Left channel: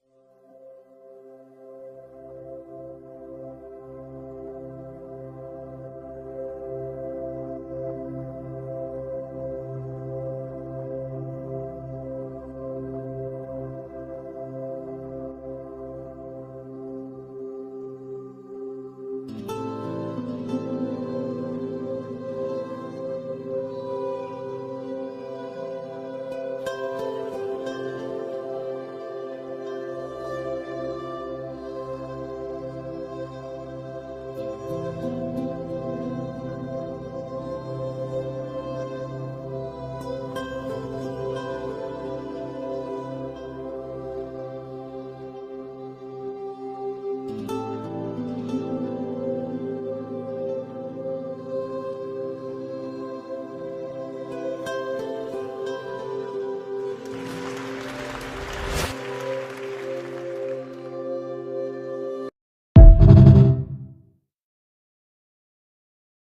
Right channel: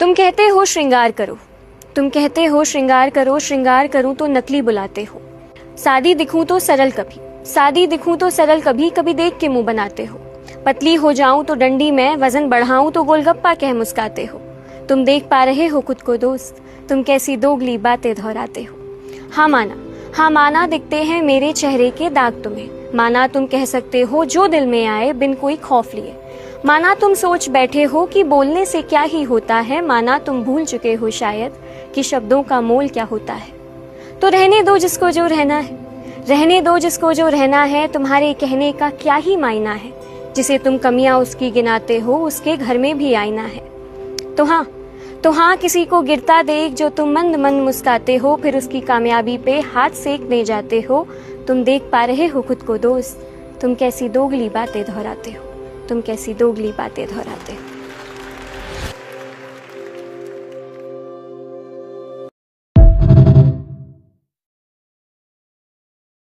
तुम कहते हो श्रृंगार करो, तुम कहते हो श्रृंगार करो, श्रृंगार करूं तो नकली बुलाते हो। सादी दिखूं तो सरल कभी, सादी दिखूं तो सरल कभी, कभी देख के मुंह बनाते हो। पतली हो जाऊं तो डंडी में, वजन बढ़ाऊं तो गोलगप्पा कह मुस्काते हो। तुम देख पा रहे हो खुद को दोस्त, तुम कैसी दोगली बातें दोहराते हो। हाँ माना दिखते हैं मेरे चेहरे के दाग तुम्हें। माना तुम कह सकते हो जो दिल में आए बिन कोई खौफ लिए। माना तुम सोच बैठे हो कि बोलने से क्या ही होता है। माना तुम भूल चुके हो शायद कि शब्दों का मोल क्या होता है। तो रहने दो जिसको जो रहना है, रहने दो जिसको जो रहना है। तुम्हारे कहने का क्या ही मायना है। जिसे तुम कमियां उसकी गिनाते हो, उसके घर में भी आईना है। तो हाँ किसी को गिरता देख जो तुम मंद मंद मुस्काते हो, फिर उसकी कामयाबी पे हाथ सेकने जाते हो। तुम देख पा रहे हो खुद को दोस्त, तुम कैसी दोगली बातें दोहराते हो, तुम कैसी दोगली बातें दोहराते हो।